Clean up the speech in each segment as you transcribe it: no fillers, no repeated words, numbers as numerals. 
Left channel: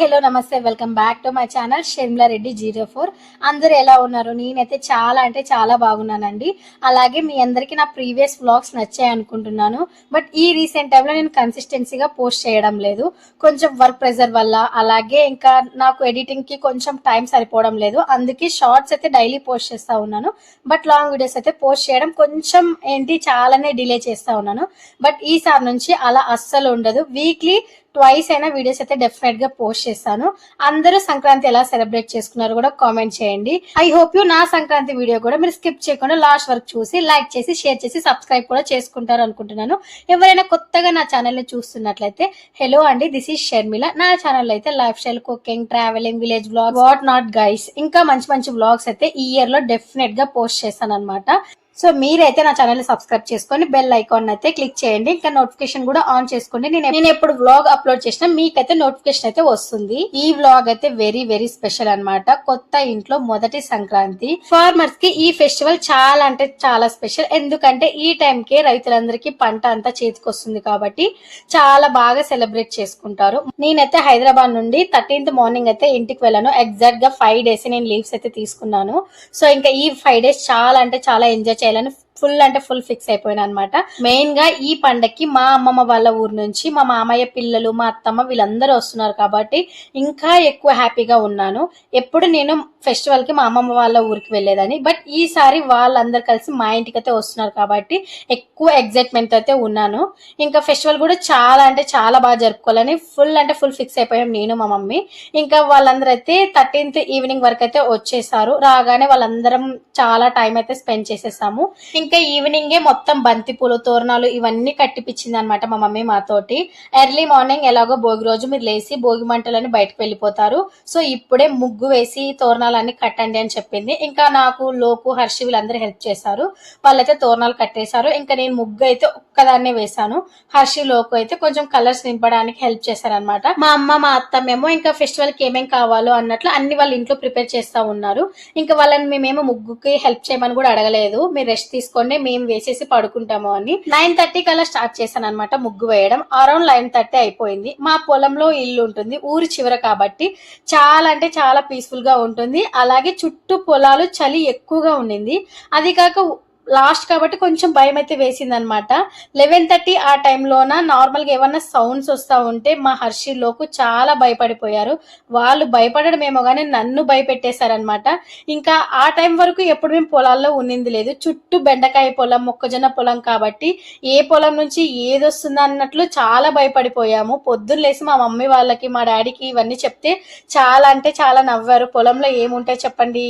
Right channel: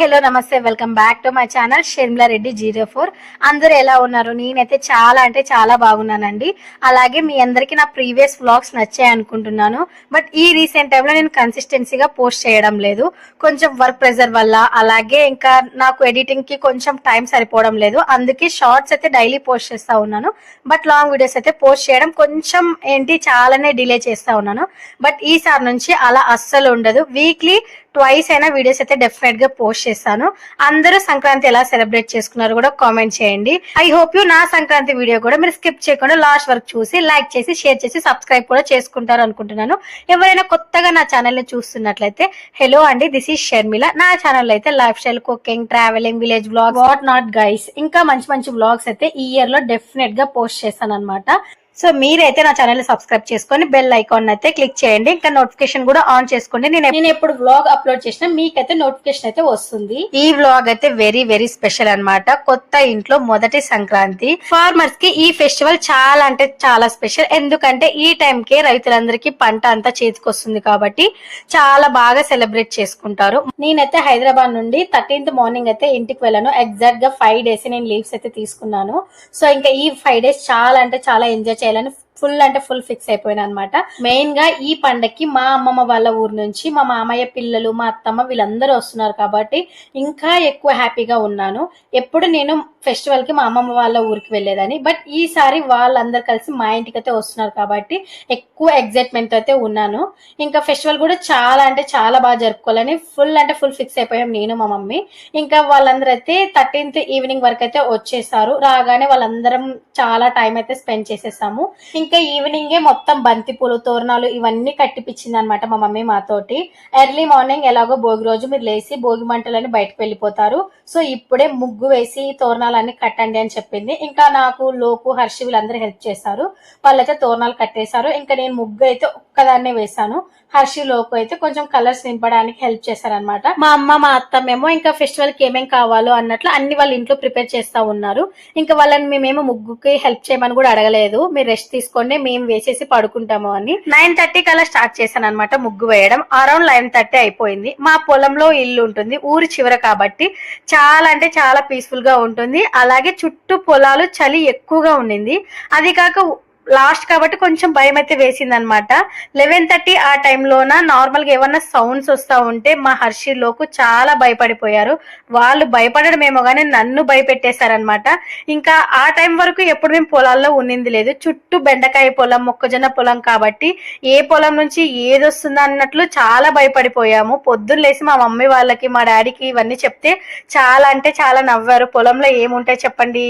Hello నమస్తే welcome back to my channel Sharmila Reddy 04. అందరూ ఎలా ఉన్నారు? నేనైతే చాలా అంటే చాలా బాగున్నానండి. అలాగే మీ అందరికీ నా ప్రీవియస్ వ్లాగ్స్ నచ్చాయి అనుకుంటున్నాను. బట్ ఈ రీసెంట్ టైంలో నేను కన్సిస్టెన్సీగా పోస్ట్ చేయడం లేదు. కొంచెం వర్క్ ప్రెజర్ వల్ల, అలాగే ఇంకా నాకు ఎడిటింగ్కి కొంచెం టైం సరిపోవడం లేదు. అందుకే షార్ట్స్ అయితే డైలీ పోస్ట్ చేస్తూ ఉన్నాను. బట్ లాంగ్ వీడియోస్ అయితే పోస్ట్ చేయడం కొంచెం చాలానే డిలే చేస్తూ ఉన్నాను. బట్ ఈసారి నుంచి అలా అస్సలు ఉండదు. వీక్లీ ట్వైస్ అయినా వీడియోస్ అయితే డెఫినెట్ గా పోస్ట్ చేస్తాను. అందరూ సంక్రాంతి ఎలా సెలబ్రేట్ చేసుకున్నారు కూడా కామెంట్ చేయండి. ఐ హోప్ యూ నా సంక్రాంతి వీడియో కూడా మీరు స్కిప్ చేయకుండా లాస్ట్ వరకు చూసి లైక్ చేసి షేర్ చేసి సబ్స్క్రైబ్ కూడా చేసుకుంటారు అనుకుంటున్నాను. ఎవరైనా కొత్తగా నా ఛానల్ ని చూస్తున్నట్లయితే హలో అండి, దిస్ ఈజ్ షర్మిల. నా ఛానల్ అయితే life style, cooking, travelling, village vlogs, what not guys, ఇంకా మంచి మంచి వ్లాగ్స్ అయితే ఈ ఇయర్ లో డెఫినెట్ గా పోస్ట్ చేస్తాను అనమాట. సో మీరైతే నా ఛానల్ ని సబ్స్క్రైబ్ చేసుకొని బెల్ ఐకాన్ అయితే క్లిక్ చేయండి. ఇంకా నోటిఫికేషన్ కూడా ఆన్ చేసుకోండి. నేను ఎప్పుడు వ్లాగ్ అప్లోడ్ చేసినా మీకైతే నోటిఫికేషన్ అయితే వస్తుంది. ఈ వ్లాగ్ అయితే వెరీ వెరీ స్పెషల్ అన్నమాట. కొత్త ఇంట్లో మొదటి సంక్రాంతి. ఫార్మర్స్ కి ఈ ఫెస్టివల్ చాలా అంటే చాలా స్పెషల్. ఎందుకంటే ఈ టైం కి రైతులందరికీ పంట అంతా చేతికి వస్తుంది కాబట్టి చాలా బాగా సెలబ్రేట్ చేసుకుంటారు. నేనైతే హైదరాబాద్ నుండి 13th మార్నింగ్ అయితే ఇంటికి వెళ్ళాను. ఎగ్జాక్ట్ గా 5 days నేను లీవ్స్ అయితే తీసుకున్నాను. సో ఇంకా ఈ 5 days చాలా అంటే చాలా ఎంజాయ్ చేయాలని ఫుల్ అంటే ఫుల్ ఫిక్స్ అయిపోయినా అనమాట. మెయిన్ గా ఈ పండక్కి మా అమ్మమ్మ వాళ్ళ ఊరు నుంచి మా మామయ్య పిల్లలు, మా అత్తమ్మ వీళ్ళందరూ వస్తున్నారు కాబట్టి ఇంకా ఎక్కువ హ్యాపీగా ఉన్నాను. ఎప్పుడు నేను ఫెస్టివల్ కి మా అమ్మమ్మ వాళ్ళ ఊరికి వెళ్ళేదని, బట్ ఈసారి వాళ్ళందరు కలిసి మా ఇంటికి అయితే వస్తున్నారు కాబట్టి ఎక్కువ ఎగ్జైట్మెంట్ అయితే ఉన్నాను. ఇంకా ఫెస్టివల్ కూడా చాలా అంటే చాలా బాగా జరుపుకోవాలని ఫుల్ అంటే ఫుల్ ఫిక్స్ అయిపోయాం నేను, మా మమ్మీ. ఇంకా వాళ్ళందరూ అయితే 13th ఈవినింగ్ వరకు అయితే వచ్చేసారు. రాగానే వాళ్ళందరం చాలా టైం అయితే స్పెండ్ చేసేసాము. ఇంకా ఈవినింగే మొత్తం బంతిపూలు, తోరణాలు ఇవన్నీ కట్టిపించింది అనమాట మా మమ్మీ మాతోటి. ఎర్లీ మార్నింగ్ ఎలాగో భోగి రోజు మీరు లేసి భోగి మంటలని బయటకు వెళ్ళిపోతారు. సో ఇప్పుడే ముగ్గు వేసి తోరణాలన్నీ కట్టండి అని చెప్పింది. ఇంకా నాకు, లోకు, హర్షి వీళ్ళందరూ హెల్ప్ చేశారు. వాళ్ళైతే తోరణాలు కట్టేశారు. ఇంకా నేను ముగ్గు అయితే ఒక్కదాన్నే వేశాను. హర్షి, లోకు అయితే కొంచెం కలర్స్ నింపడానికి హెల్ప్ చేశారనమాట. మా అమ్మ, మా అత్తమ్మేమో ఇంకా ఫెస్టివల్ కి ఏమేం కావాలో అన్నట్లు అన్ని వాళ్ళ ఇంట్లో ప్రిపేర్ చేస్తా ఉన్నారు. ఇంకా వాళ్ళని మేమేమో ముగ్గుకి హెల్ప్ చేయమని కూడా అడగలేదు. మీరు రెస్ట్ తీసుకోండి, మేము వేసేసి పడుకుంటాము అని. 9:30 కల్లా స్టార్ట్ చేశాను అనమాట ముగ్గు వేయడం. అరౌండ్ 9:30 అయిపోయింది. మా పొలంలో ఇల్లు ఉంటుంది, ఊరి చివర కాబట్టి చాలా అంటే చాలా పీస్ఫుల్ గా ఉంటుంది. అలాగే చుట్టూ పొలాలు, చలి ఎక్కువగా ఉండింది. అది కాక లాస్ట్ కాబట్టి కొంచెం భయం అయితే వేసింది అనమాట. 11:30 ఆ టైంలోన నార్మల్ గా ఏమన్నా సౌండ్స్ వస్తా ఉంటే మా హర్షిలోకు చాలా భయపడిపోయారు. వాళ్ళు భయపడడం ఏమో గానీ నన్ను భయపెట్టేశారనమాట. ఇంకా ఆ టైం వరకు ఎప్పుడు మేము పొలాల్లో ఉన్నింది లేదు. చుట్టూ బెండకాయ పొలం, మొక్కజొన్న పొలం కాబట్టి ఏ పొలం నుంచి ఏది వస్తుందా అన్నట్లు చాలా భయపడిపోయాము. పొద్దున్న లేసి మా మమ్మీ వాళ్ళకి, మా డాడీకి ఇవన్నీ చెప్తే చాలా అంటే చాలా నవ్వారు. పొలంలో ఏముంటాయి చెప్పండి,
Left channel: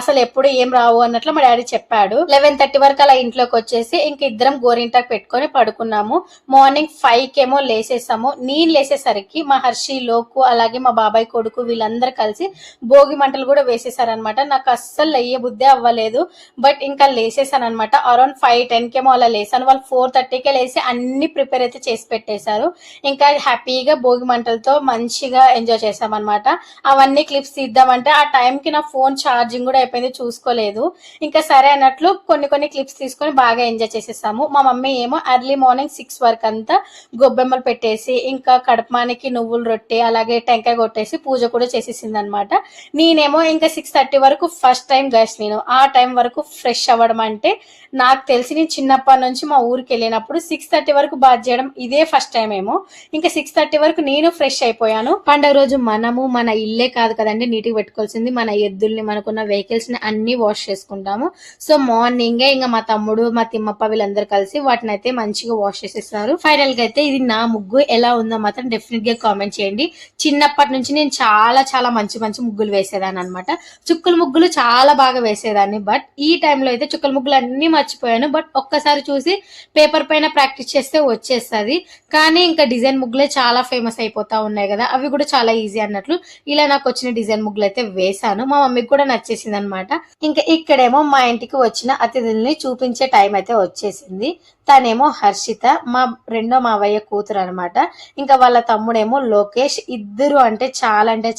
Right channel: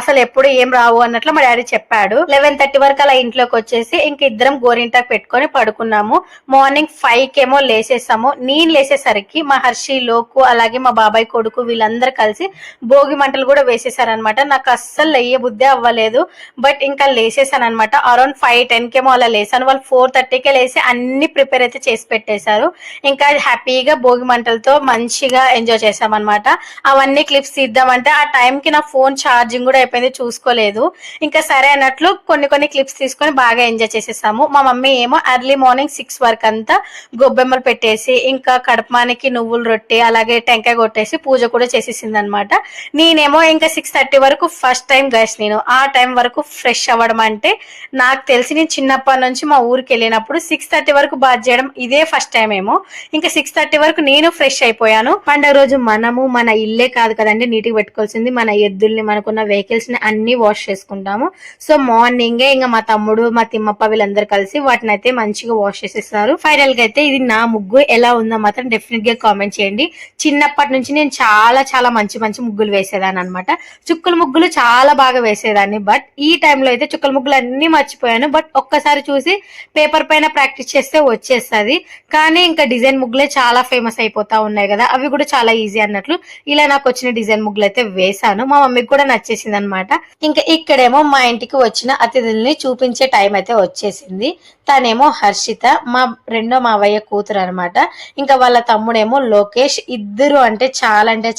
అసలు ఎప్పుడు ఏం రావు అన్నట్లు మా డాడీ చెప్పాడు. 11:30 వరకు అలా ఇంట్లోకి వచ్చేసి ఇంక ఇద్దరం గోరింటాకు పెట్టుకొని పడుకున్నాము. మార్నింగ్ 5 లేసేసాము. నేను లేసేసరికి మా హర్షి, లోకు, అలాగే మా బాబాయ్ కొడుకు వీళ్ళందరూ కలిసి భోగి మంటలు కూడా వేసేసారనమాట. నాకు అస్సలు లేయ బుద్ధే అవ్వలేదు. బట్ ఇంకా లేసేసాను అనమాట. అరౌండ్ 5:10 అలా లేసాను. వాళ్ళు 4:30 లేసి అన్ని ప్రిపేర్ అయితే చేసి పెట్టేశారు. ఇంకా హ్యాపీగా భోగి మంటలతో మంచిగా ఎంజాయ్ చేసామన్నమాట. అవన్నీ క్లిప్స్ తీద్దామంటే ఆ టైంకి నా ఫోన్ ఛార్జింగ్ కూడా అయిపోయింది, చూసుకోలేదు. ఇంకా సరే అన్నట్లు కొన్ని క్లిప్స్ తీసుకొని బాగా ఎంజాయ్ చేసేసాము. మా మమ్మీ ఏమో ఎర్లీ మార్నింగ్ 6 వరకు అంతా గొబ్బెమ్మలు పెట్టేసి ఇంకా కడపమానికి నువ్వులు రొట్టె అలాగే టెంకాయ కొట్టేసి పూజ కూడా చేసేసింది అనమాట. నేనేమో ఇంకా 6:30 వరకు ఫస్ట్ టైం గైస్ నేను ఆ టైం వరకు ఫ్రెష్ అవ్వడం అంటే నాకు తెలిసి నేను చిన్నప్పటి నుంచి మా ఊరికి వెళ్ళినప్పుడు 6:30 వరకు బాత్ చేయడం ఇదే ఫస్ట్ టైం ఏమో. ఇంకా 6:30 వరకు నేను ఫ్రెష్ అయిపోయాను. పండుగ రోజు మనము మన ఇల్లే కాదు కదండి నీట్గా పెట్టుకోవాల్సింది, మన ఎద్దుల్ని, మనకున్న వెహికల్స్ ని అన్ని వాష్ చేసుకుంటాము. సో మార్నింగే ఇంకా మా తమ్ముడు, మా తిమ్మప్ప వీళ్ళందరూ కలిసి వాటిని అయితే మంచిగా వాష్ చేసేస్తారు. ఫైనల్ గా అయితే ఇది నా ముగ్గు ఎలా ఉందో మాత్రం డెఫినెట్ గా కామెంట్ చేయండి. చిన్నప్పటి నుంచి నేను చాలా చాలా మంచి మంచి ముగ్గులు వేసేదాన్ని అనమాట. చుక్కల ముగ్గులు చాలా బాగా వేసేదాన్ని. బట్ ఈ టైంలో అయితే చుక్కల ముగ్గులు అన్ని మర్చిపోయాను. బట్ ఒక్కసారి చూసి పేపర్ పైన ప్రాక్టీస్ చేస్తే వచ్చేస్తుంది. కానీ ఇంకా డిజైన్ ముగ్గులే చాలా ఫేమస్ అయిపోతా ఉన్నాయి కదా, అవి కూడా చాలా ఈజీ అన్నట్లు ఇలా నాకు వచ్చిన డిజైన్ ముగ్గులు అయితే వేసాను. మా మమ్మీకి కూడా నచ్చేసింది అనమాట. ఇంకా ఇక్కడేమో మా ఇంటికి వచ్చిన అతిథుల్ని చూపించే టైం అయితే వచ్చేసింది. తనేమో హర్షిత, మా రెండో మావయ్య కూతురు అనమాట. ఇంకా వాళ్ళ తమ్ముడేమో లోకేష్. ఇద్దరు అంటే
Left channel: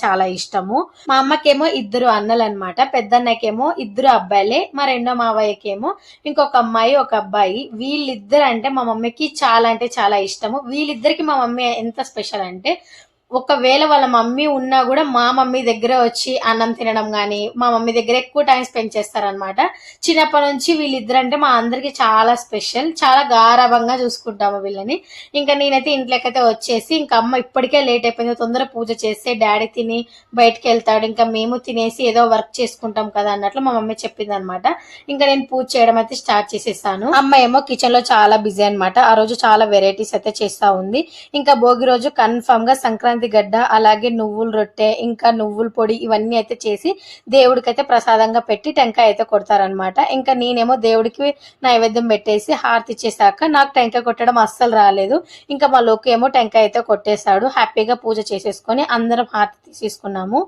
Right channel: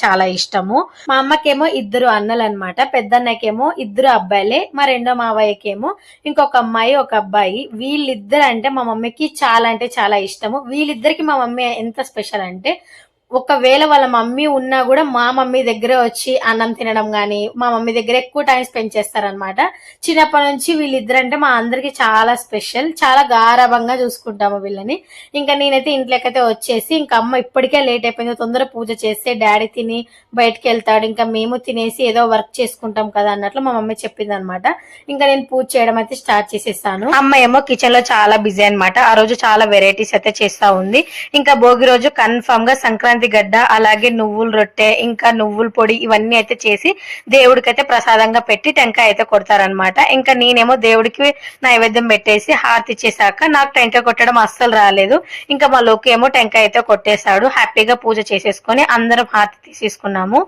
చాలా ఇష్టము. మా అమ్మకేమో 2 అన్నలు అనమాట. పెద్దన్నకేమో 2 అబ్బాయిలే. మా రెండో మావయ్యకేమో ఇంకొక అమ్మాయి, ఒక అబ్బాయి. వీళ్ళిద్దరు అంటే మా మమ్మీకి చాలా అంటే చాలా ఇష్టము. వీళ్ళిద్దరికి మా మమ్మీ ఎంత స్పెషల్ అంటే ఒకవేళ వాళ్ళ మమ్మీ ఉన్నా కూడా మా మమ్మీ దగ్గర వచ్చి అన్నం తినడం గానీ మా మమ్మీ దగ్గర ఎక్కువ టైం స్పెండ్ చేస్తారనమాట. చిన్నప్పటి నుంచి వీళ్ళిద్దరంటే మా అందరికి చాలా స్పెషల్, చాలా గారాభంగా చూసుకుంటాము వీళ్ళని. ఇంకా నేనైతే ఇంట్లోకైతే వచ్చేసి ఇంకా అమ్మ ఇప్పటికే లేట్ అయిపోయింది, తొందర పూజ చేస్తే డాడీ తిని బయటకు వెళ్తాడు, ఇంకా మేము తినేసి ఏదో వర్క్ చేసుకుంటాం కదా అన్నట్లు మా మమ్మీ చెప్పింది అనమాట. ఇంకా నేను పూజ చేయడం అయితే స్టార్ట్ చేసేసాను. అమ్మ ఏమో కిచెన్ లో చాలా బిజీ అనమాట. ఆ రోజు చాలా వెరైటీస్ అయితే చేస్తా ఉంది. ఇంకా భోగి రోజు కన్ఫర్మ్ గా సంక్రాంతి గడ్డ, అలాగే నువ్వుల రొట్టె, ఇంకా నువ్వుల పొడి ఇవన్నీ అయితే చేసి దేవుడికైతే ప్రసాదంగా పెట్టి టెంకాయ అయితే కొడతారనమాట. ఇంకా నేనేమో దేవుడికి నైవేద్యం పెట్టేసి హారతి ఇచ్చేసాక నాకు టెంకాయ కొట్టడం అస్సలు రాలేదు. ఇంకా మా లోకి ఏమో టెంకాయ అయితే కొట్టేశాడు. హ్యాపీగా పూజ చేసేసుకొని అందరం హారతి తీసేసుకున్నాము.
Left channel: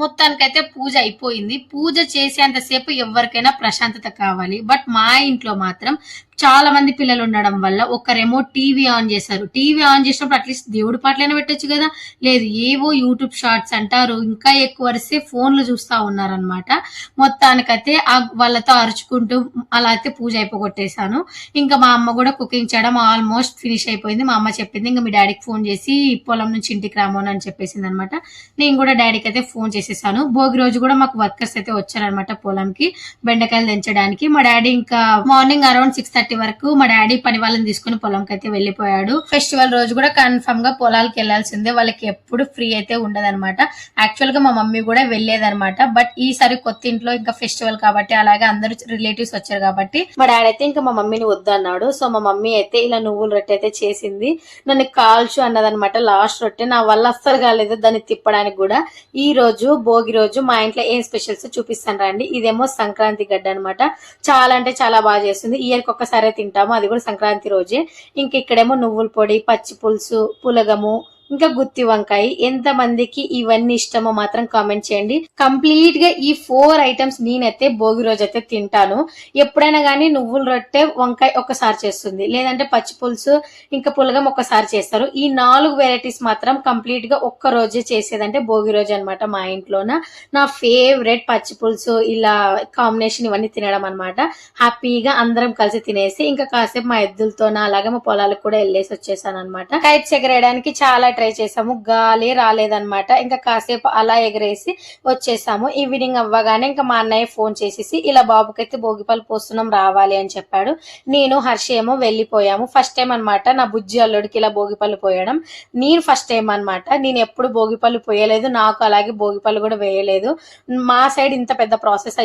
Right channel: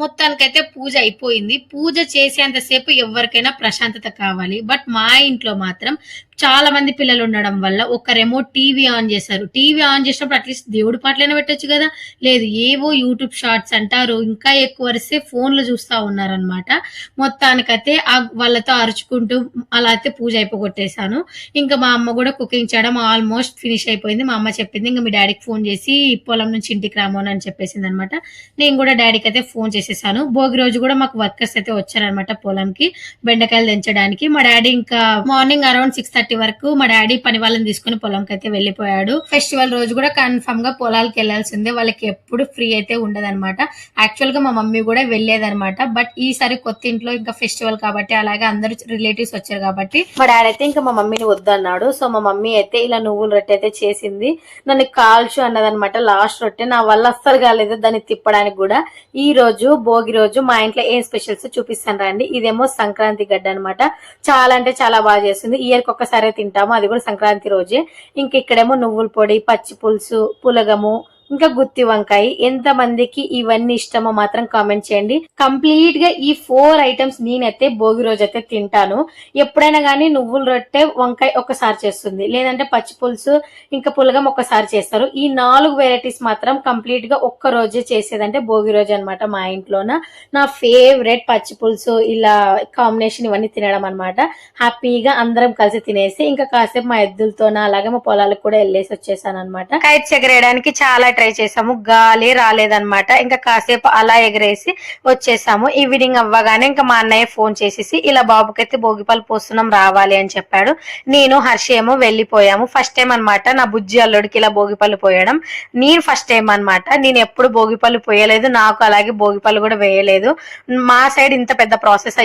మొత్తానికైతే పూజ అయిపోయింది. పూజ చేసేంతసేపు ఎవరికైనా ప్రశాంతత కావాలి. బట్ మా ఇంట్లో మాత్రం చాలా మంది పిల్లలు ఉండడం వల్ల ఒకరేమో టీవీ ఆన్ చేశారు. టీవీ ఆన్ చేసినప్పుడు అట్లీస్ట్ దేవుడి పాటలైనా పెట్టొచ్చు కదా, లేదు ఏవో యూట్యూబ్ షార్ట్స్ అంటారు, ఇంకా ఎక్కువ వరిస్తే ఫోన్లు చూస్తా ఉన్నారనమాట. మొత్తానికైతే వాళ్ళతో అరుచుకుంటూ అలా అయితే పూజ అయిపోగొట్టేశాను. ఇంకా మా అమ్మ కూడా కుకింగ్ చేయడం ఆల్మోస్ట్ ఫినిష్ అయిపోయింది. మా అమ్మ చెప్పింది ఇంకా మీ డాడీకి ఫోన్ చేసి పొలం నుంచి ఇంటికి రామోను అని చెప్పేసింది అనమాట. నేను కూడా డాడీకి అయితే ఫోన్ చేసేసాను. భోగి రోజు కూడా మాకు వర్కర్స్ అయితే వచ్చారనమాట పొలంకి బెండకాయలు దించడానికి. మా డాడీ ఇంకా మార్నింగ్ అరౌండ్ 6:30 వరకు మా డాడీ పని వాళ్ళని తీసుకుని పొలంకి అయితే వెళ్ళిపోయాడు. ఫెస్టివల్ రోజు కూడా కన్ఫర్మ్ గా పొలాలకు వెళ్లాల్సిందే, వాళ్ళకి ఎప్పుడు ఫ్రీ అయితే ఉండదన్నమాట. యాక్చువల్ గా మా మమ్మీ కూడా వెళ్లేదన్నమాట. బట్ ఈసారి కొత్త ఇంట్లో ఇంకా ఫెస్టివల్ కాబట్టి అలాగే అందరూ రిలేటివ్స్ వచ్చారు కాబట్టి మా డాడీ అయితే ఇంకా మా మమ్మీని వద్దన్నాడు. సో మా మమ్మీ అయితే ఇలా నువ్వుల రొట్టె అయితే చేసింది. నన్ను కాల్చు అన్నదనమాట లాస్ట్ రొట్టె. నా వల్ల అస్సలు కాలేదు దాన్ని తిప్పడానికి కూడా. ఈ రోజు భోగి రోజు మా ఇంట్లో ఏం స్పెషల్స్ చూపిస్తాను రండి. ఇదేమో సంక్రాంతి గడ్డ అనమాట. చాలా అంటే చాలా బాగా చేస్తుంది. ఇయర్ కి ఒక్కసారి తింటాము, అది కూడా సంక్రాంతి రోజే. ఇంక ఇక్కడేమో నువ్వుల పొడి, పచ్చి పులుసు, పులగము, ఇంకా గుత్తి వంకాయ. ఎంత మందికి ఇవన్నీ ఇష్టమో మాత్రం కామెంట్ చేయండి. కంప్లీట్ గా ఈ 4 ఐటమ్స్ నేనైతే భోగి రోజు అయితే తింటాను. ఎప్పుడైనా గానీ నువ్వుల రొట్టె, వంకాయ ఒకసారి చేస్తుంది, లేదంటే పచ్చి పులుసు ఇంకా పులగం ఒకసారి చేస్తారు. ఈ 4 వెరైటీస్ మాత్రం కంప్లీట్ గా ఒక్క రోజే చేసేదంటే భోగి రోజు అనమాట. మా ఇంట్లోన నా ఫేవరెట్ పచ్చి పులుసు, ఇలా కాంబినేషన్ ఇవన్నీ తినడం అనమాట. హ్యాపీగా అందరం కలిసి తినేసి ఇంకా కాసేపు మా ఎద్దులతోన అలాగే మా పొలాలకు కూడా వెళ్ళేసి వచ్చేసాను అనమాట. కైట్స్ ఎగరేయడానికి చాలా ట్రై చేసాము, గాలి రాలేదన్నమాట. ఇంకా కాసేపు అలా ఎగరేసి వచ్చేసాము. ఈవినింగ్ అవ్వగానే ఇంకా మా అన్నయ్య ఫోన్ చేసేసి ఇలా బాబుకైతే భోగిపళ్ళు పోస్తున్నాం రావాలి అని చెప్పాడు. నేను హర్ష ఏమో వెళ్ళిపోయాము. ఫస్ట్ టైం అనమాట నా బుజ్జి అల్లుడికి ఇలా భోగిపళ్ళు పోయడం. నేను ఫస్ట్ టైం అనమాట. నేను ఎప్పుడు భోగిపళ్ళు పోయలేదు, నాకు అలాగే భోగిపళ్ళు కూడా వేయలేదు. మా సైడ్ ఇంత పెద్ద ప్రాసెస్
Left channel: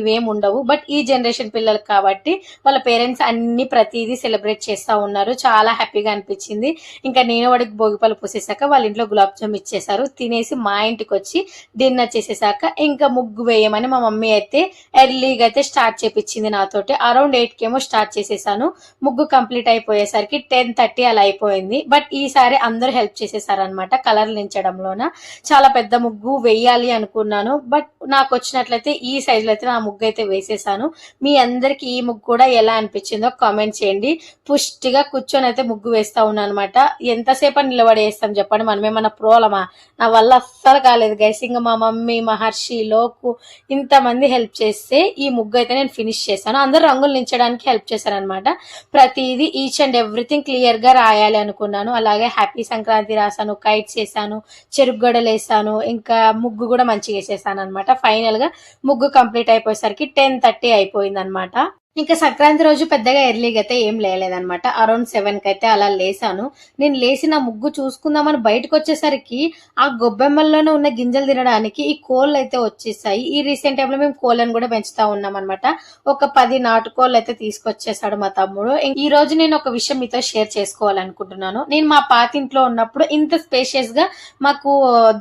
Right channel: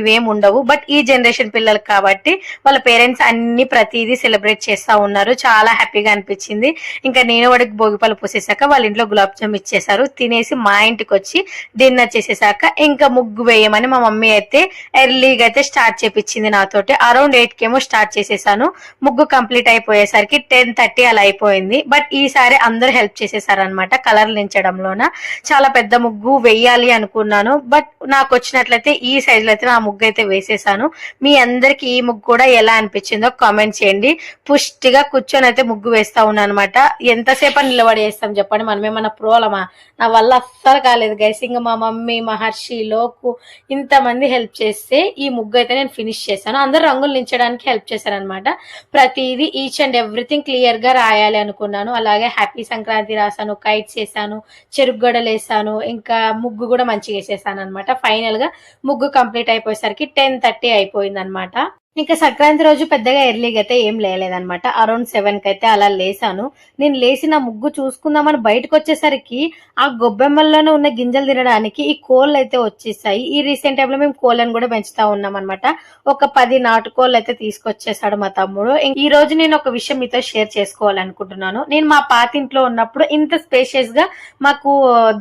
ఇవేం ఉండవు. బట్ ఈ జనరేషన్ పిల్లలు కాబట్టి వాళ్ళ పేరెంట్స్ అన్ని ప్రతిదీ సెలబ్రేట్ చేస్తా ఉన్నారు. చాలా హ్యాపీగా అనిపించింది. ఇంకా నేను వాడికి భోగిపళ్ళు పోసేసాక వాళ్ళ ఇంట్లో గులాబ్ జామ్ ఇచ్చేసారు. తినేసి మా ఇంటికి వచ్చి డిన్నర్ చేసేసాక ఇంకా ముగ్గు వేయమని మా మమ్మీ అయితే ఎర్లీగా అయితే స్టార్ట్ చేపించింది నాతోటి. అరౌండ్ 8 కేమో స్టార్ట్ చేసేసాను. ముగ్గు కంప్లీట్ అయిపోయేసరికి 10:30 అలా అయిపోయింది. బట్ ఈసారి అందరూ హెల్ప్ చేసేసారనమాట కలర్లు నించడంలోన. చాలా పెద్ద ముగ్గు వేయాలి అనుకున్నాను, బట్ నాకు వచ్చినట్లయితే ఈ సైజ్ లో అయితే నా ముగ్గు అయితే వేసేసాను. మీ అందరికి ఈ ముగ్గు కూడా ఎలా అనిపించిందో కామెంట్ చేయండి. పుష్టిగా కూర్చొని అయితే ముగ్గు వేస్తా ఉన్నాను అనమాట. ఎంతసేపు నిలబడి వేస్తాం చెప్పండి, మనమేమన్నా ప్రోలమా? నా వల్ల అస్సలు కాలేదు గైస్. ఇంకా మా మమ్మీ, మహర్షి, లోకు ఇంతమంది హెల్ప్ చేస్తే ఈ ముగ్గు అయితే నేను ఫినిష్ చేశాను. అందరూ రంగులు నించడానికి హెల్ప్ చేశారనమాట. ప్రతిదీ ఈచ్ అండ్ ఎవ్రీథింగ్ క్లియర్ గా రాయాలి అనుకున్నాను. అలాగే హ్యాపీ సంక్రాంతి రాసాను, కైట్స్ వేసాను, చెరుకుగడలు వేసాను, ఇంకా ముగ్గు కూడా మంచిగా వేసేసాను అనమాట. ఫైనల్ గా ముగ్గు కంప్లీట్ అయిపోయేసరికి 10:30 అయిపోయింది అనమాట. ఇంకా సంక్రాంతి రోజు పెద్దగా ఎర్లీగా అయితే ఏం లేలేదనమాట. అరౌండ్ 7 కి అయితే అలా లేసాను. నేను లేసి నా ముగ్గు చూసుకుందామని బయటకు వచ్చేసరికి ఆ గొబ్బెమ్మల్లోనే ఉన్న గింజలు తినడానికి ఈ కోళ్ళు అయితే వచ్చేసాయి. ఈ రీసెంట్ టైంలో మేము కోళ్ళని కూడా పెంచుతా ఉన్నాం అనమాట. ఒక 10 నాటుకోళ్ళు అయితే తీసుకొచ్చేసాడు మా తమ్ముడు. ఈ రోజు నేను ఒక విషయం మీతో షేర్ చేసుకోవాలనుకుంటున్నాను. నేను మా పాతింట్లో ఉన్నప్పుడు ఇంత స్పేషియస్ గా మాకు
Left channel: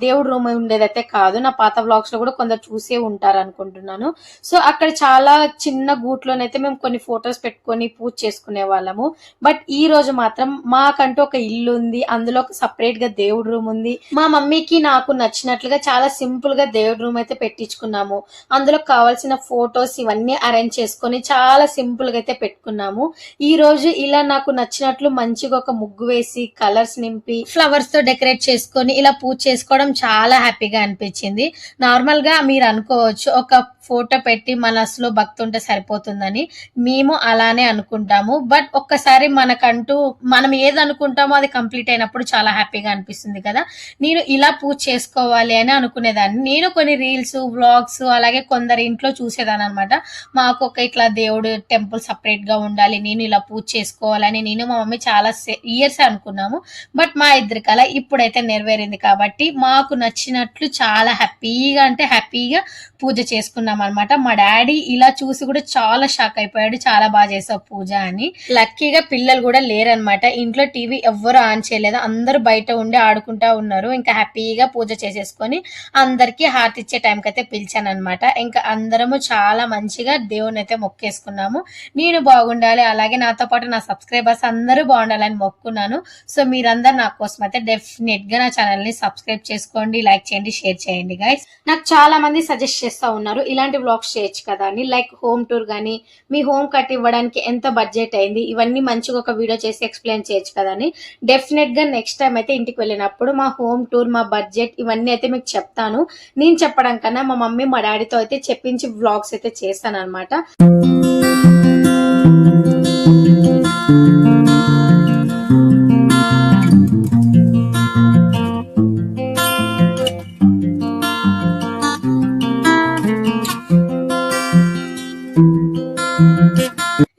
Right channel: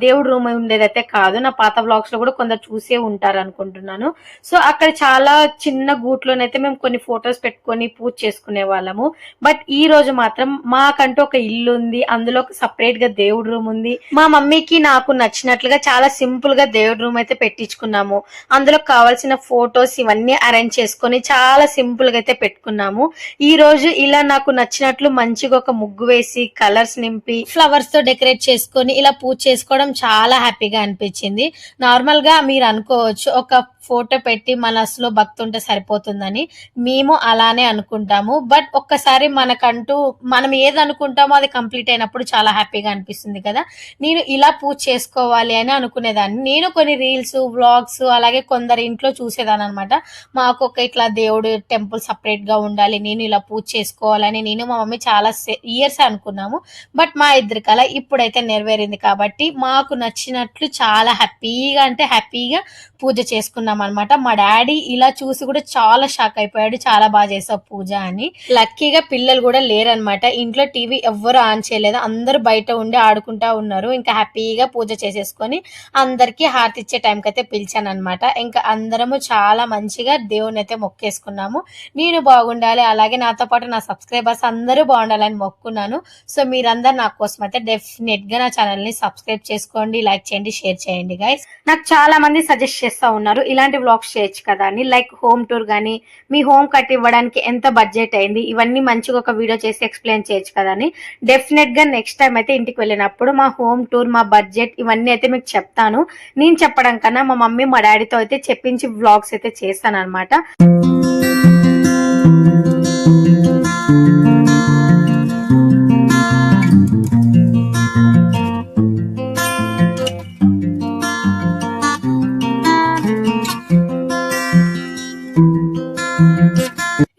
దేవుడు రూమ్ ఉండేదైతే కాదు. నా పాత వ్లాగ్స్ లో కూడా కొందరు చూసే ఉంటారు అనుకుంటున్నాను. సో అక్కడ చాలా చిన్న గూట్లోనైతే మేము కొన్ని ఫొటోస్ పెట్టుకొని పూజ చేసుకునే వాళ్ళము. బట్ ఈ రోజు మాత్రం మాకంటూ ఒక ఇల్లు ఉంది, అందులో ఒక సపరేట్ గా దేవుడు రూమ్ ఉంది. మా మమ్మీకి నాకు నచ్చినట్లుగా చాలా సింపుల్ గా దేవుడు రూమ్ అయితే పెట్టించుకున్నాము. అందులో కావాల్సిన ఫొటోస్ ఇవన్నీ అరేంజ్ చేసుకొని చాలా సింపుల్ గా అయితే పెట్టుకున్నాము. ఈ రోజు ఇలా నాకు నచ్చినట్లు మంచిగా ఒక ముగ్గు వేసి కలర్స్ నింపి ఫ్లవర్స్ తో డెకరేట్ చేసుకొని ఇలా పూజ చేసుకోవడం చాలా హ్యాపీగా అనిపించింది. నార్మల్ గా మీరు అనుకోవచ్చు ఒక ఫోటో పెట్టి మనసులో భక్తి ఉంటే సరిపోతుందని. మేము అలానే అనుకుంటాము. బట్ ఒక్కసారి మనకంటూ మనం ఏది అనుకుంటామో అది కంప్లీట్ అయినప్పుడు చాలా హ్యాపీగా అనిపిస్తుంది కదా. నేను ఇలా పూజ చేసుకోవాలి అని అనుకునేదాన్ని. నేను కొన్ని రీల్స్ వ్లాగ్స్ అలాగే కొందరి ఇంట్లో చూసేదాన్ని అనమాట. మాకు ఒక ఇట్లా దేవుడు టెంపుల్ సపరేట్ గా ఉండాలి, నేను ఇలా పూజ చేసుకోవాలని నేను మా మమ్మీ చాలా ఇయర్స్ అనుకున్నాము. బట్ మా ఇద్దరికి అలా ఇప్పుడైతే నెరవేరింది కాబట్టి మాకు నచ్చినట్లు చాలా హ్యాపీగా అంటే హ్యాపీగా పూజ చేసుకున్నాం అనమాట. మా డాడీ ఇలా చూసి కూడా చాలా షాక్ అయిపోయాడు, చాలా బాగా చేసావు పూజ అని. లక్కీగా పిల్లలు కూడా లేరనమాట. ఇంట్లో టీవీ ఎవ్వరు ఆన్ చేయలేదు, అందరూ బయట ఉండి ఆడుకుంటా ఉన్నారు. ఇంకా హ్యాపీగా పూజ చేసేసుకొని అందరికి హారతి ఇచ్చే టైంకి అయితే పిలిచాను అనమాట. ఇంకా అందరము చాలా మంచిగా దేవుని అయితే మొక్కేసుకున్నాము. నేను బాగుండాలి, అలాగే నాతో పాటు నా సబ్స్క్రైబర్స్ అందరూ బాగుండాలని మొక్కున్నాను. సో మీరందరూ నా కోసం అయితే డెఫినెట్ గా నా ఛానల్ ని సబ్స్క్రైబ్ చేసుకోండి, లైక్ చేయండి, షేర్ చేయండి గైస్. నాకు చాలా మంది సజెస్ట్ చేస్తా ఉన్నారు ఇలాంటి వ్లాగ్స్ చేయొచ్చు కదా అని. లైక్ హోమ్ టూర్ గానీ, మీ హోమ్ కట్ ఇవ్వడానికి ఎంత బడ్జెట్ అయింది, ఇవన్నీ మంచిగా ఒక వీడియో చేసి ఎక్స్ప్లెయిన్ చేయొచ్చు కదా అని. డెఫినెట్ గా నెక్స్ట్ టైం అయితే ఇంటికి వెళ్ళినప్పుడు మా హోమ్ టూర్, మా బడ్జెట్ ఇవన్నీ అయితే మీకు చెప్తాను. నేను చెప్పడం కన్నా మా మమ్మీ మా డాడీతో అయితే చెప్పించి వ్లాగ్స్ అయితే చేస్తాను అనమాట.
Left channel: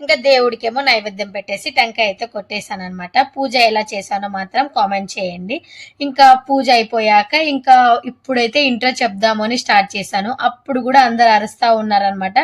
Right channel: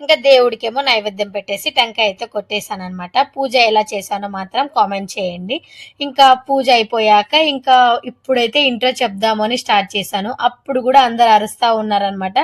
ఇంకా దేవుడికేమో నైవేద్యం పెట్టేసి టెంకాయ అయితే కొట్టేశాను అనమాట. పూజ ఎలా చేశానో మాత్రం కామెంట్ చేయండి. ఇంకా పూజ అయిపోయాక ఇంకా ఇప్పుడైతే ఇంట్రో చెప్దాము అని స్టార్ట్ చేశాను. అప్పుడు కూడా అందరు అరుస్తా ఉన్నారనమాట.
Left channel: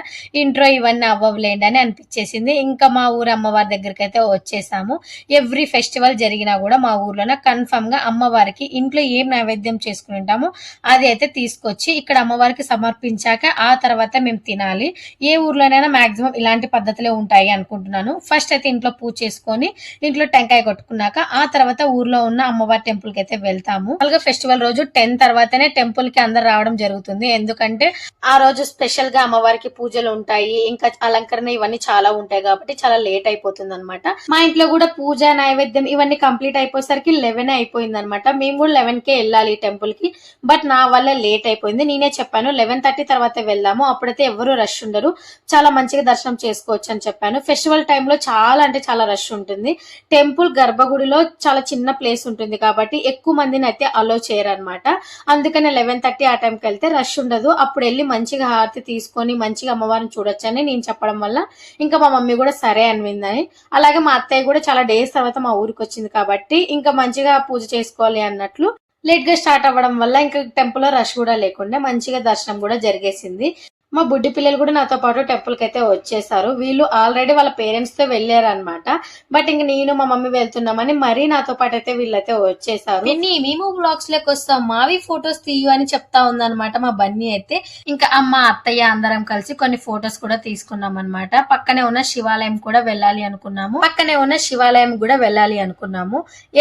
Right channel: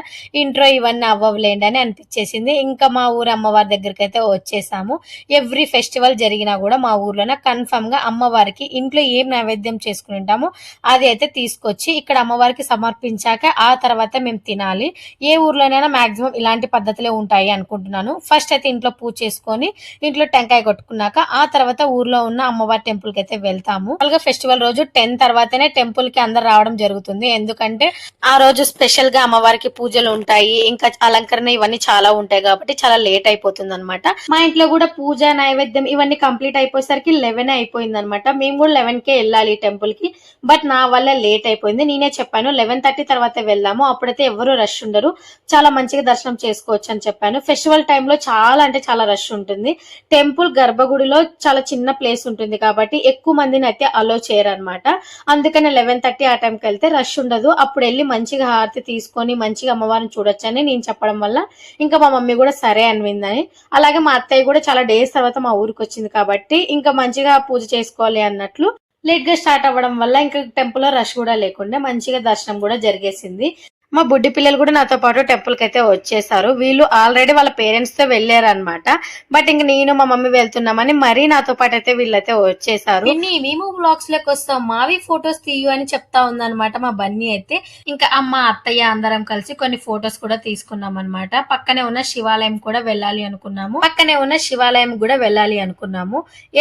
ఇంట్రో ఇవన్నీ అవ్వలేండి అని అనిపించేసింది. ఇంకా మా ఊరు అమ్మవారి దగ్గరికి అయితే వచ్చేసాము. ఎవ్రీ ఫెస్టివల్ జరిగినా కూడా మా ఊర్లోనే కన్ఫర్మ్ గా అమ్మవారికి ఇంట్లో ఏం నైవేద్యం చేసుకుని ఉంటామో అది అయితే తీసుకొచ్చి ఇక్కడ అమ్మవారికి సమర్పించాక ఆ తర్వాత మేము తినాలి. ఏ ఊర్లోనైనా మాక్సిమం ఇలాంటి పద్ధతులే ఉంటాయి అనుకుంటున్నాను. ఫస్ట్ అయితే ఇంట్లో పూజ చేసుకొని ఇంట్లో టెంకాయ కొట్టుకున్నాక ఆ తర్వాత ఊర్లో ఉన్న అమ్మవారి టెంపుల్ కి అయితే వెళ్తాము. అలాగే ఫెస్టివల్ రోజు 10 తర్వాతనే టెంపుల్ కి అందరు రావడం జరుగుతుంది. ఎందుకంటే ఆ రోజు స్పెషల్ గా అమ్మవారికి పూజలు ఉంటాయి, ఇంకా అలంకరణ ఇవన్నీ చాలా ఉంటాయి కాబట్టి చాలా లేట్ అయిపోతుంది అనమాట. మా ఇంట్లో కూడా పూజ నైవేద్యం ఇవన్నీ కంప్లీట్ అయిపోయేసరికి 11 అయిపోయింది అనమాట. మేము కూడా 11 కే వెళ్ళాలి టెంపుల్ కి. బట్ నా వల్ల లేట్ అయిపోయింది. నేనే చెప్పాను 11:30 తర్వాత వెళ్దాము, అప్పుడైతే ఎవరు రష్ ఉండరు, చాలా మంచిగా దర్శనం చేసుకోవచ్చు అని చెప్పాను. ఫెస్టివల్ టైంలో చాలా అంటే చాలా రష్ ఉంటుంది. టెంపుల్ గర్భగుడిలో చాలా చిన్న ప్లేస్ ఉంటుంది కాబట్టి ఎక్కువ మందిని అయితే అలో చేయరు అనమాట. అందుకని 11:30 ఆ టైంకి వెళ్తే రష్ ఉండదు. అప్పుడు వెళ్ళి మంచిగా హారతి తీసుకొని మంచిగా అమ్మవారిని చూడొచ్చని నేను చెప్పడం వల్ల ఇంకా మా మమ్మీ కూడా సరే అనివిందని. అలాగే మా అత్తయ్య కూడా చాలా డేస్ తర్వాత మా ఊరికి వచ్చింది కాబట్టి ఇంకా మంచిగా పూజ చేసుకోవాలి అన్నట్లు లేట్ గా స్టార్ట్ అవ్వడం వల్ల ఇంకా టెంపుల్ లో రష్ కూడా లేకుండా మంచిగా దర్శనం కూడా జరిగేసింది. మా బుడ్డి పిల్లలు కూడా నాతో పాటు టెంపుల్ కి అయితే వచ్చేసారు. వీళ్ళు ఆల్రెడీ వాళ్ళ పేరెంట్స్ తో వెళ్ళారు అనమాట. బట్ ఇంక నేను మా మమ్మీ వెళ్తున్నామని మరీ నాతో పాటు అయితే వీళ్ళైతే వచ్చేసారు. మేము బ్లాగ్స్ లోకి వస్తాం, మావి ఫొటోస్ తీయు అని చెప్తా ఉందన్నమాట మా బన్నీ అయితే. ఇంకా అమ్మ అత్తయ్య అందరం కలిసి కొన్ని ఫొటోస్ కూడా తీసుకున్నాం అనమాట. పక్కనే ఉన్న శివాలయం కూడా వెళ్ళాలి అనుకున్నాము.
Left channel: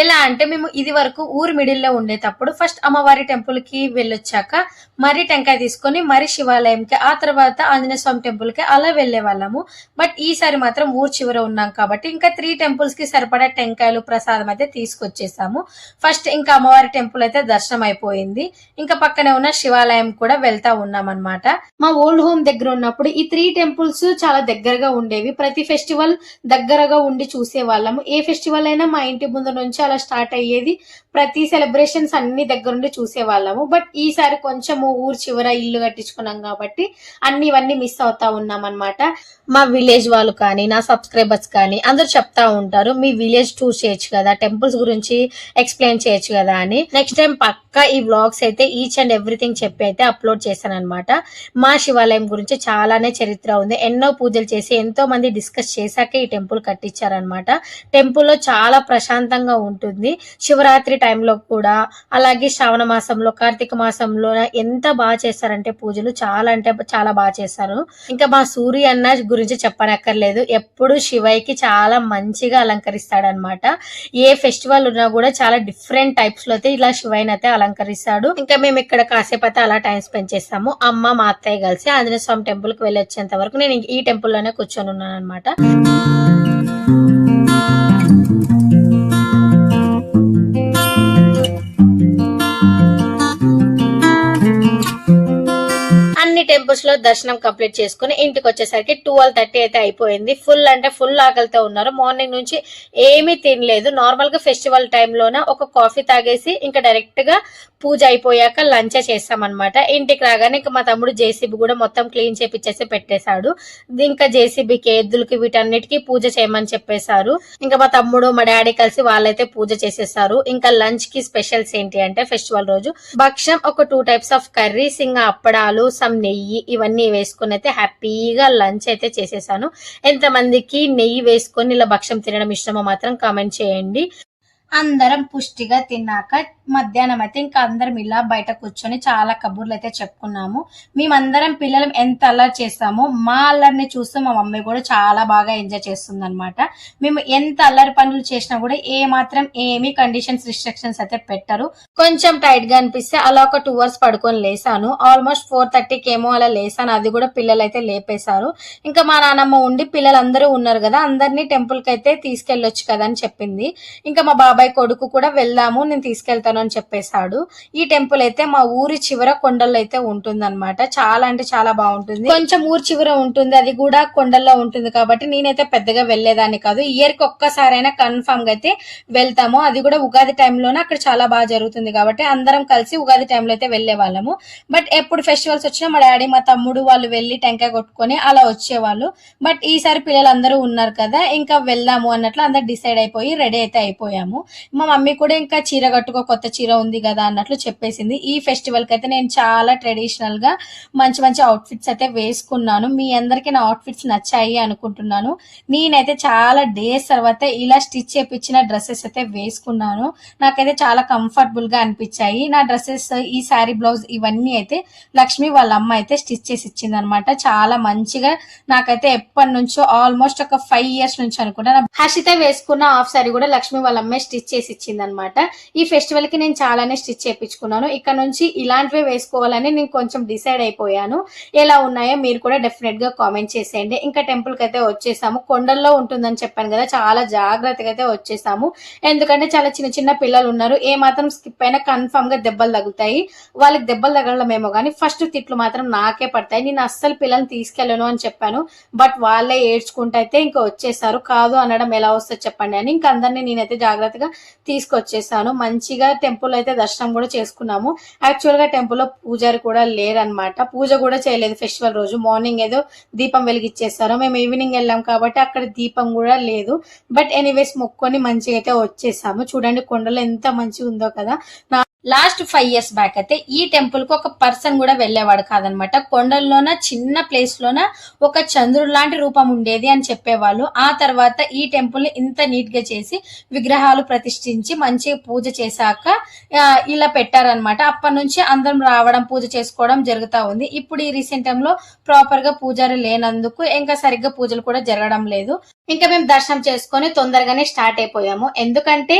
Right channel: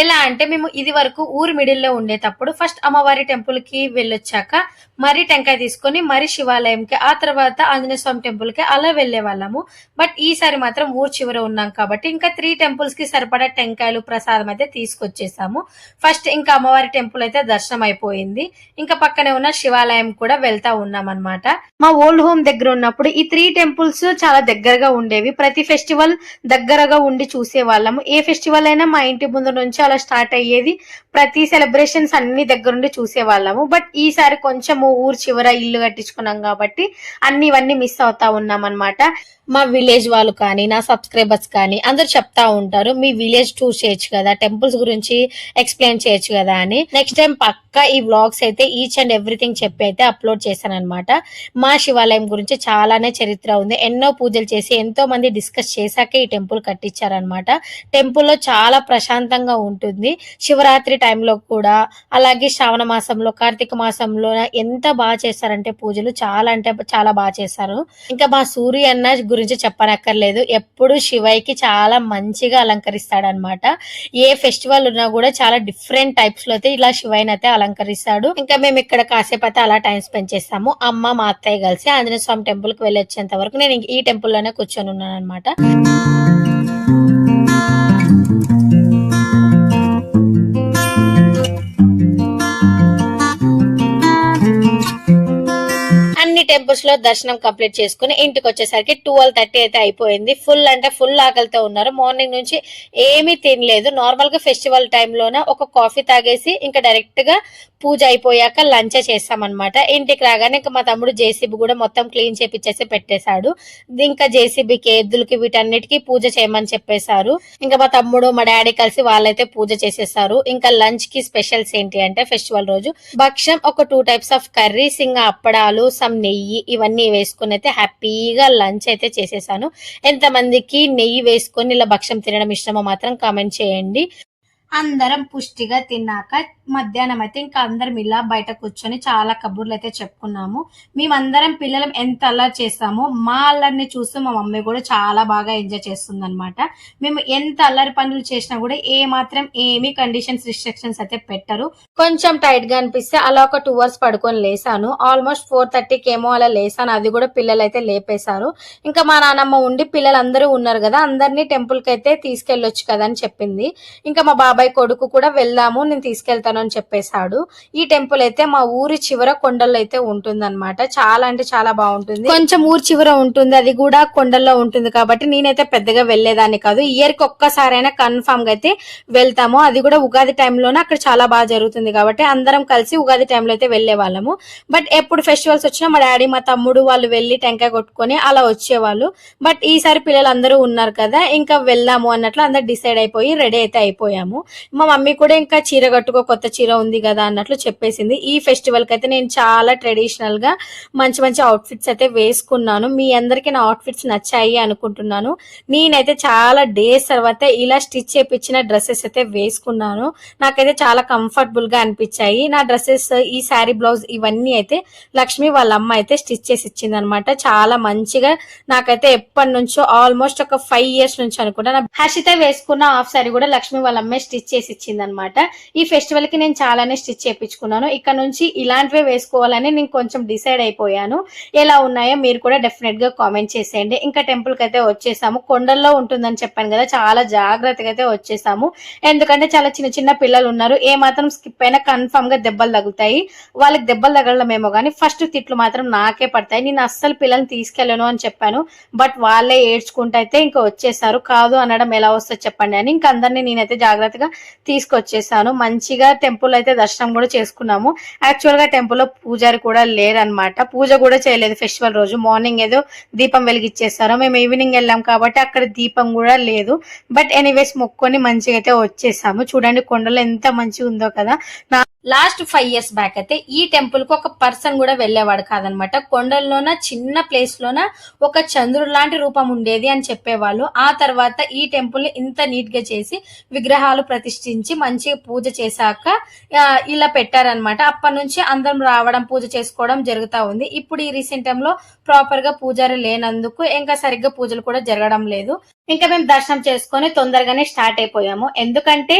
ఎలా అంటే మేము ఇది వరకు ఊరు మిడిల్ లో ఉండేటప్పుడు ఫస్ట్ అమ్మవారి టెంపుల్ కి వెళ్ళొచ్చాక మరి టెంకాయ తీసుకొని మరి శివాలయంకి ఆ తర్వాత ఆంజనేయ స్వామి టెంపుల్ కి అలా వెళ్లే వాళ్ళము. బట్ ఈసారి మాత్రం ఊరు చివర ఉన్నాం కాబట్టి ఇంకా 3 టెంపుల్స్ కి సరిపడా టెంకాయలు ప్రసాదం అయితే తీసుకొచ్చేసాము. ఫస్ట్ ఇంకా అమ్మవారి టెంపుల్ అయితే దర్శనం అయిపోయింది. ఇంకా పక్కనే ఉన్న శివాలయం కూడా వెళ్తా ఉన్నాం అనమాట. మా ఓల్డ్ హోమ్ దగ్గర ఉన్నప్పుడు ఈ 3 టెంపుల్స్ చాలా దగ్గరగా ఉండేవి. ప్రతి ఫెస్టివల్ దగ్గరగా ఉండి చూసే వాళ్ళము. ఏ ఫెస్టివల్ అయినా మా ఇంటి ముందు నుంచి అలా స్టార్ట్ అయ్యేది. ప్రతి సెలబ్రేషన్స్ అన్ని దగ్గరుండి చూసే వాళ్ళము. బట్ ఈసారి కొంచెము ఊరు చివర ఇల్లు కట్టించుకున్నాం కాబట్టి అన్ని ఇవన్నీ మిస్ అవుతా ఉన్నాం అనమాట. మా విలేజ్ వాళ్ళు కానీ నా సబ్స్క్రైబర్స్ కానీ అందరూ చెప్తా ఉంటారు, మీ విలేజ్ టూర్ చేయొచ్చు కదా, టెంపుల్స్ గురించి ఎక్స్ప్లెయిన్ చేయొచ్చు కదా అని. నెక్స్ట్ టైం పక్కా ఈ వ్లాగ్స్ అయితే ఈచ్ అండ్ ఎవ్రీథింగ్ చెప్పి అయితే అప్లోడ్ చేశాను అనమాట. మా శివాలయం గురించి చాలానే చరిత్ర ఉంది, ఎన్నో పూజలు చేసి ఎంతో మంది డిస్కస్ చేశాకే ఈ టెంపుల్ కట్టించారనమాట. టెంపుల్లో చాలా ప్రశాంతంగా ఉంటుంది. శివరాత్రి టైంలో కూడా, అలాగే శ్రావణ మాసంలో, కార్తీక మాసంలో ఎంత బాగా చేస్తారంటే పూజలు చాలా అంటే చాలా బాగా చేస్తారు. ఇంకా మా సూర్య అన్న గురించి చెప్పనక్కర్లేదు, ఎప్పుడు శివయ్యకి చాలా మంచిగా అలంకరిస్తాడనమాట. ఏ ఫెస్టివల్ ఉన్నా కూడా చాలా డిఫరెంట్ టైప్స్ లో అయితే ఇలా శివయ్యని అయితే అలంకరిస్తాడు. ఇంకా మేము ఇక్కడ కాసేపు అయితే అలా టైం స్పెండ్ చేస్తాము. అమ్మ మా అత్తయ్య కలిసి ఆంజనేయ స్వామి టెంపుల్ కి వెళ్ళి వచ్చేంత వరకు నేను ఈ టెంపుల్ లోనే కూర్చొని ఉన్నాను అనమాట. టెంపుల్స్ లో దర్శనం కంప్లీట్ చేసుకుని ఇంటికి వచ్చేసరికి 12:30 అయితే అయిపోయింది. ఫుల్ అంటే ఫుల్ ఆకలితో ఉన్నారు. మార్నింగ్ నుంచి ఏమీ తినలేదు. నార్మల్ గా ఫెస్టివల్ టైంలోన ఒక కాఫీ తాగేసి ఇంకా డైరెక్ట్ గా పూజ అయిపోయాక లంచ్ చేస్తామన్నమాట. ఇంటికి రాగానే ఇంకా మా తమ్ముడు జేసీబీ కూడా మొత్తం క్లీన్ చేపిచ్చేసి పెట్టేశాడు. ఇంకా జేసీబీకి, ఎద్దులకి, వీటన్నిటికీ పూజ చేయమని చెప్పేశారు. ఇంకా మా తమ్ముడు మా డాడీ కలిసి వాళ్ళైతే పూజ చేసేసారు. ఇంకా లంచ్ కి స్పెషల్స్ ఏంటి అంటే ఫెస్టివల్ రోజు భక్ష్యం, ఒక 2 టైప్స్ ఆఫ్ కర్రీస్, ఇంకా అప్పడాలు, సమ్ నెయ్యి, ఇవన్నీ వేసుకుని అయితే హ్యాపీగా లంచ్ అయితే చేసేసాను. ఎంతమందికి నెయ్యి వేసుకొని ఇలా భక్ష్యం తినడం ఇష్టమో మాత్రం కామెంట్ చేయండి. అందరం పుష్టిగా తిన్నాక మధ్యాహ్నం అయితే ఇంకా అందరం ఇలా బయట కూర్చొని చాలా కబుర్లు అయితే చెప్పుకున్నాము. మేమందరం పిల్లలు ఎంత అల్లరి చేస్తామో మా అల్లరిని చూస్తూ మా మమ్మీ కూడా చాలా బాగా ఎంజాయ్ చేస్తుంది అనమాట. మేము ఎంత అల్లరి పనులు చేసినా కూడా ఏ మాత్రం ఏమీ కండిషన్స్, రిస్ట్రిక్షన్స్ అయితే పెట్టరు. కొంచెం టైట్ గా అనిపిస్తే అలా ఒక 2 అవర్స్ పడుకొని లేసాను. ఆల్మోస్ట్ 4:30కి ఏమో అలా లేసాను. అది కూడా పిల్లలు అయితే లేపేశారు. ఇంకా మా నాన్నమ్మ ఉండి పిల్లలందరూ ఉన్నారు కదా, అందరినీ టెంపుల్ కి అయితే తీసుకెళ్లొచ్చు కదా అని చెప్పింది. ఇంకా మా బాబాయ్ కొడుకు కూడా వెళ్దాము, నేను తీసుకెళ్తాను అని చెప్పేశాడు. ఈ టెంపుల్ అయితే మా ఊరి చివర కొండల్లో అయితే ఉంటుంది అనమాట. చాలా అంటే చాలా బాగుంటుంది. కొంచెం ఊరి చివర ఉంటుంది, అది కూడా కొండల్లో ఉంటుంది కాబట్టి నేనైతే పెద్దగా వెళ్లేదాన్ని కాదు. ఇయర్ కి ఒక్కసారైనా కన్ఫర్మ్ గా అయితే వెళ్తాము. అది కూడా ఉగాది టైంలోనే అక్కడ చాలా బాగా జరుగుతుంది కాబట్టి అందరం కలిసి ఉగాది టైంలో అయితే వెళ్లే వాళ్ళము. బట్ ఎప్పుడు ఫెస్టివల్స్ వచ్చినా మా డాడీ, మా తమ్ముడు వాళ్ళు వెళ్లి టెంకాయ కొట్టుకొని అలా వచ్చేవాళ్ళు. బట్ ఈసారి పిల్లలు అందరూ ఉన్నారు కదా, ఇంకా వెళ్దాము అన్నట్లు అందరు డిసైడ్ అయిపోయి రెడీ అయితే అయిపోయాము. మా మమ్మీ కూడా ఇంకా చీర కట్టుకో, కొత్త చీర ఉంది కదా అన్నట్లు చెప్పేసింది. ఈ ఫెస్టివల్ కి అయితే నేను చాలా ట్రెడిషనల్ గా మంచి మంచి అవుట్ఫిట్స్ అయితే వేసుకున్నాను. మీ అందరికి నా అవుట్ఫిట్స్ నచ్చాయి అనుకుంటున్నాను. నేనైతే చాలా డేస్ తర్వాత ఇలా స్టిచ్ చేపించిన డ్రెస్సెస్ అయితే వేసుకున్నాను. నాకైతే చాలా కంఫర్టబుల్ గా అనిపించాయి. నా డ్రెస్సెస్, ఈ శారీ బ్లౌజ్ ఇవన్నీ అయితే లక్ష్మి వాళ్ళ అమ్మ అయితే స్టిచ్ చేసి ఇచ్చింది అనమాట. చాలా మంచిగా నాకైతే ఎప్పటి నుంచో ఆల్మోస్ట్ ఒక 5 years నుంచి అనుకుంటా హర్షిత వేసుకున్న హాఫ్ శారీ కూడా లక్ష్మి వాళ్ళ అమ్మాయి స్టిచ్ చేసి ఇచ్చింది అనమాట. ఈ ఫెస్టివల్ కి నేను చాలానే స్టిచ్ చేయించుకున్నాను. ఇక్కడ నుంచి ఇలాంటివే వేసుకోవాలని నేను కొంచెం డిసైడ్ అయిపోయాను. ఎలా ఉన్నాయో మీరు కూడా డెఫినెట్ గా కామెంట్ చేసేయండి. ఇంకా టెంపుల్ కి అయితే వచ్చేసాము. కొండల్లో ఉంటుందని చెప్పాను కదా, చాలా జాగ్రత్తగా అయితే వచ్చేసాము. ఎందుకంటే చాలా చిన్న చిన్న పిల్లలు ఉన్నారు. ఏ మాత్రం స్కిప్ అయినా కన్ఫర్మ్ గా దెబ్బలు తగులుతాయి. వాళ్ళకి దెబ్బలు తగలమేమో కానీ ఫస్ట్ తిట్లు మాత్రం నాకే పడతాయి. నేను అస్సలు పిల్లల్ని తీసుకెళ్ళను అని చెప్పాను. బట్ వాళ్ళే ఏడ్చుకుంటూ అయితే ఇంకా వచ్చేసారు. కాదు అనడం ఎలా వస్తుంది చెప్పండి అని ఇంకా అందరినీ నేనైతే జాగ్రత్తగా తీసుకొచ్చేసాను. మంచిగా టెంపుల్ అయితే దర్శనం కూడా చేసుకున్నాము. యాక్చువల్ గా టెంపుల్ లో పూజారి కూడా లేరనమాట. పూజ కూడా చేయలేదు ఫెస్టివల్ రోజు. మార్నింగ్ ఏదో దీపం వెలిగిచ్చేస్తారు. మేము ఈవినింగ్ వెళ్ళాం కాబట్టి అక్కడ దీపం కూడా లేదు. బట్ ఎనీవేస్ మొక్కొని మంచిగా అయితే వచ్చేసాము. చూడండి కొండలో ఎంత మంచిగా ఉందో కదా. లాస్ట్ 5 years బ్యాక్ అయితే ఈ టెంపుల్ కు ఒక పర్సన్ కూడా వెళ్లేవాడు కాదనమాట. కొండల్లోన చిన్న ప్లేస్ లోన ఒక చంద్రుడు లాంటి రూపం ఉండేది అని చెప్పేవాళ్ళు. ఆ తర్వాత ఈ టెంపుల్ ని ఇంత నీట్ గా చేసి విగ్రహాలు ప్రతిష్ఠించి మంచిగా పూజ చేశాక ఇలా పెట్టారనమాట. అప్పటి నుంచి అందరం రావడం, పూజ చేసుకోవడం జరుగుతా ఉంది. ఇప్పుడు ఈ రీసెంట్ టైమ్ లో ప్రాపర్ గా పూజారి లేనందుకు ఇంకా సరిగ్గా పూజలు కూడా జరగడం లేదు. ఇంకా మేము దర్శనం చేసుకొని తొందరగానే స్టార్ట్ అయిపోయాము. ఎందుకంటే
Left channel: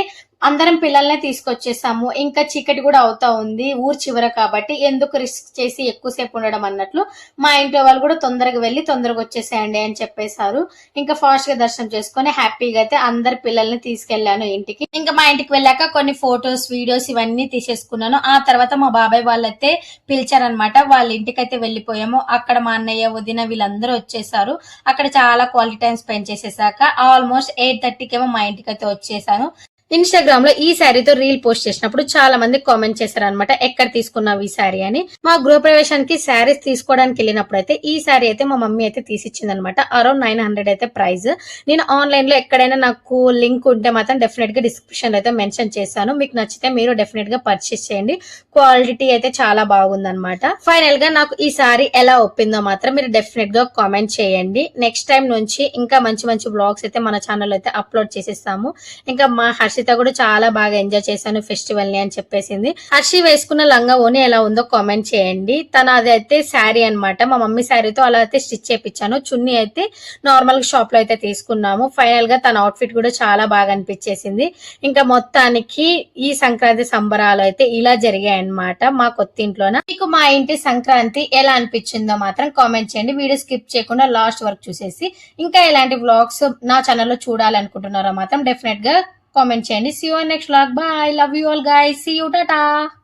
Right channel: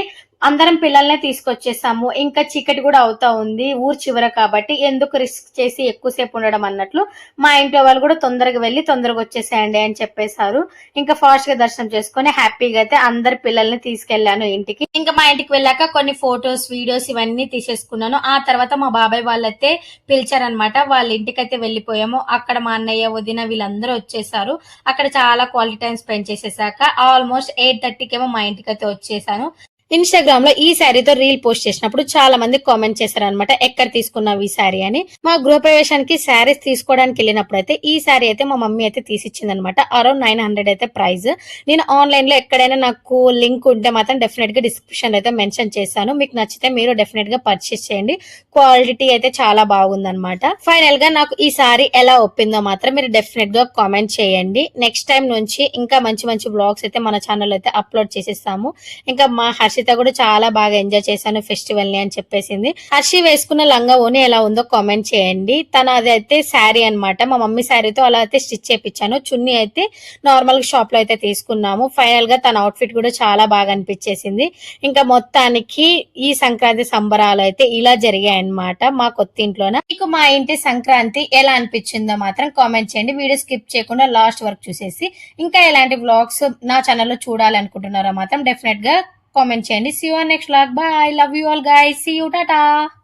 అందరం పిల్లల్ని తీసుకొచ్చేసాము. ఇంకా చీకటి కూడా అవుతా ఉంది, ఊరు చివర కాబట్టి ఎందుకు రిస్క్ చేసి ఎక్కువసేపు ఉండడం అన్నట్లు మా ఇంట్లో వాళ్ళు కూడా తొందరగా వెళ్ళి తొందరగా వచ్చేసేయండి అని చెప్పేశారు. ఇంకా ఫాస్ట్ గా దర్శనం చేసుకుని హ్యాపీగా అయితే అందరు పిల్లల్ని తీసుకెళ్లాను ఇంటికి. ఇంకా మా ఇంటికి వెళ్ళాక కొన్ని ఫొటోస్, వీడియోస్ ఇవన్నీ తీసేసుకున్నాను. ఆ తర్వాత మా బాబాయ్ వాళ్ళైతే పిలిచారనమాట. వాళ్ళ ఇంటికి అయితే వెళ్ళిపోయాము. అక్కడ మా అన్నయ్య, వదిన వీళ్ళందరూ వచ్చేసారు. అక్కడ చాలా క్వాలిటీ టైం స్పెండ్ చేసేసాక ఆల్మోస్ట్ 8:30కి ఏమో మా ఇంటికి అయితే వచ్చేసాను. ఇన్స్టాగ్రామ్ లో ఈ శారీతో రీల్ పోస్ట్ చేసినప్పుడు చాలా మంది కామెంట్ చేశారు అనమాట, ఎక్కడ తీసుకున్నావు ఈ శారీ అని. మా గృహప్రవేశానికి శారీస్ తీసుకోవడానికి వెళ్ళినప్పుడు అయితే ఈ శారీ అయితే మా మమ్మీ అయితే తీసిచ్చింది అనమాట. అరౌండ్ 900 అయితే ప్రైస్. నేను ఆన్లైన్ లో ఎక్కడైనా నాకు లింక్ ఉంటే మాత్రం డెఫినెట్ గా డిస్క్రిప్షన్ లో అయితే మెన్షన్ చేశాను. మీకు నచ్చితే మీరు డెఫినెట్ గా పర్చేస్ చేయండి. క్వాలిటీ అయితే చాలా బాగుంది అనమాట. ఫైనల్ గా నాకు ఈ శారీ ఎలా ఒప్పిందో మాత్రం మీరు డెఫినెట్ గా కామెంట్ చేయండి. నెక్స్ట్ టైం నుంచి ఇంకా మంచి మంచి బ్లాగ్స్ అయితే మన ఛానల్ అయితే అప్లోడ్ చేసేస్తాము. ఇంకా మా హర్షిత కూడా చాలా బాగా ఎంజాయ్ చేశాను ఫెస్టివల్ ని అని చెప్పేసింది. హర్షి వేసుకున్న లంగా ఓని ఎలా ఉందో కామెంట్ చేయండి. తన అదైతే శారీ అనమాట, మా మమ్మీ శారీతో అలా అయితే స్టిచ్ చేపించాను. చున్నీ అయితే నార్మల్ షాప్ లో అయితే తీసుకున్నాము. ఫైనల్ గా తన అవుట్ఫిట్ కూడా చాలా బాగా అనిపించేసింది. ఇంకా మొత్తానికి ఈ సంక్రాంతి సంబరాలు అయితే ఇలా జరిగాయి అన్నమాట మా కొత్త ఇంట్లోన. మీకు మా ఇంటి సంక్రాంతి ఎలా అనిపించిందో మాత్రం కామెంట్ చేయండి. వీడియో స్కిప్ చేయకుండా లాస్ట్ వరకు చూసేసి ఇంకా ఎలాంటి వ్లాగ్స్ నా ఛానల్లో చూడాలనుకుంటున్నారో మాత్రం డెఫినెట్ గా కామెంట్ చేయండి. See you on next vlog. Bye. Love you all guys. See you. Tata.